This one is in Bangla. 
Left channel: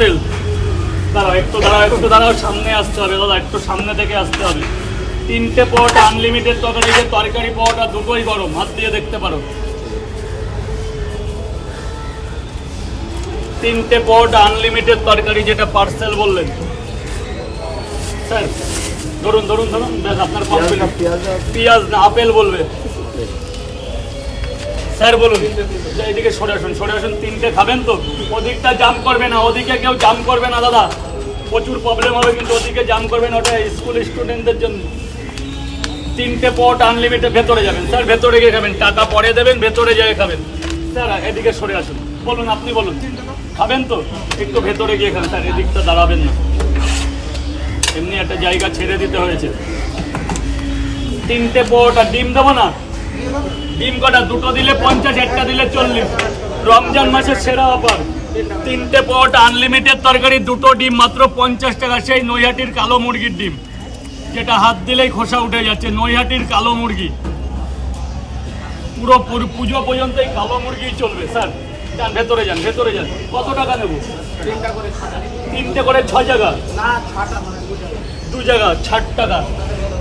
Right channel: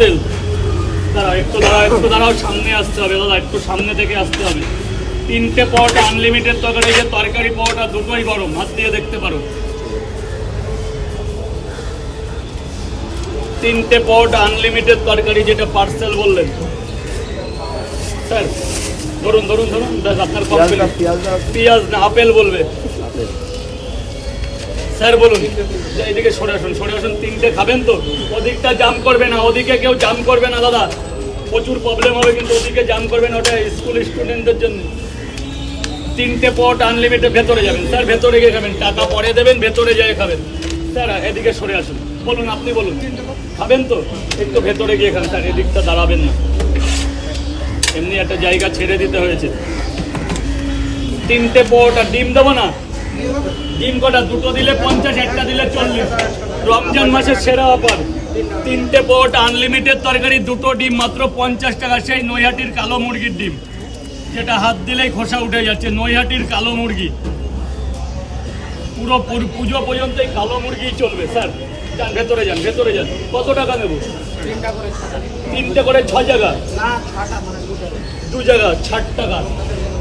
পার্সেল। দাঁড়াও একটু দাঁড়াও, একটু দাঁড়াও, সামনে আসতে হবে দাদা, একটু সামনে থেকে আসতে হবে। 3টে পরোটা আনলিমিটেড তরকারি, যে তরকারি পরোটা দুটোই গরম, হাত দিয়ে দেখতে পারো। 3টে পরোটা আনলিমিটেড তরকারি, যেটা পার্সেল বললেন স্যার। ধরুন ধরুন ধরুন, ব্যাস আপনার কমপ্লিট। পেঁয়াজ না, আপেল বলবে স্যার, বলুন। এদিকে সরে আসুন, সরে আসুন। 3টে খাবেন তো? ওদিকটা জাম করবে না, ওদিকে কেউ জাম করবে না দাদা, প্রচুর প্রবলেম হবে কিন্তু। ওদিকে জাম করবে না, ওটা স্কুল স্টুডেন্টদের জন্য। 3টে পরোটা আনলিমিটেড, ভেতরে যাবেন স্যার, ভেতরে গিয়ে খাবেন, টাকা পরে দেবেন, ভেতরে যেয়ে খাবেন স্যার। এদিকে সরে আসুন, বলুন, আপনি বলুন। খাবেন তো? একটু ভেতরে গিয়ে খান স্যার, এদিকটা দাঁড়াবেন না, এমনি একটা জায়গা ছেড়ে দিতে হয়েছে। 3টে পরোটা, ডিম দেবো না? ডিম কটা? দুটো দিলে 50, একটা দিলে 40। রমজান মাসের সেরা অফার। 3টে পরোটা আনলিমিটেড তরকারি, দুটো ডিম মাত্র 50 টাকা। সেই নৈহাটির কালো মুরগির ডিম, যেটা হাত দিলেই খোসা উঠে যাচ্ছে, নৈহাটির কালো মুরগি। পুরো পুজো পর্যন্ত এই কালো মুরগি চলবে স্যার। যান ভেতরে, যান ভেতরে যান। কত টাকা নেবো? 3টে করে 6 জায়গা, 2 জায়গা 60 টাকা।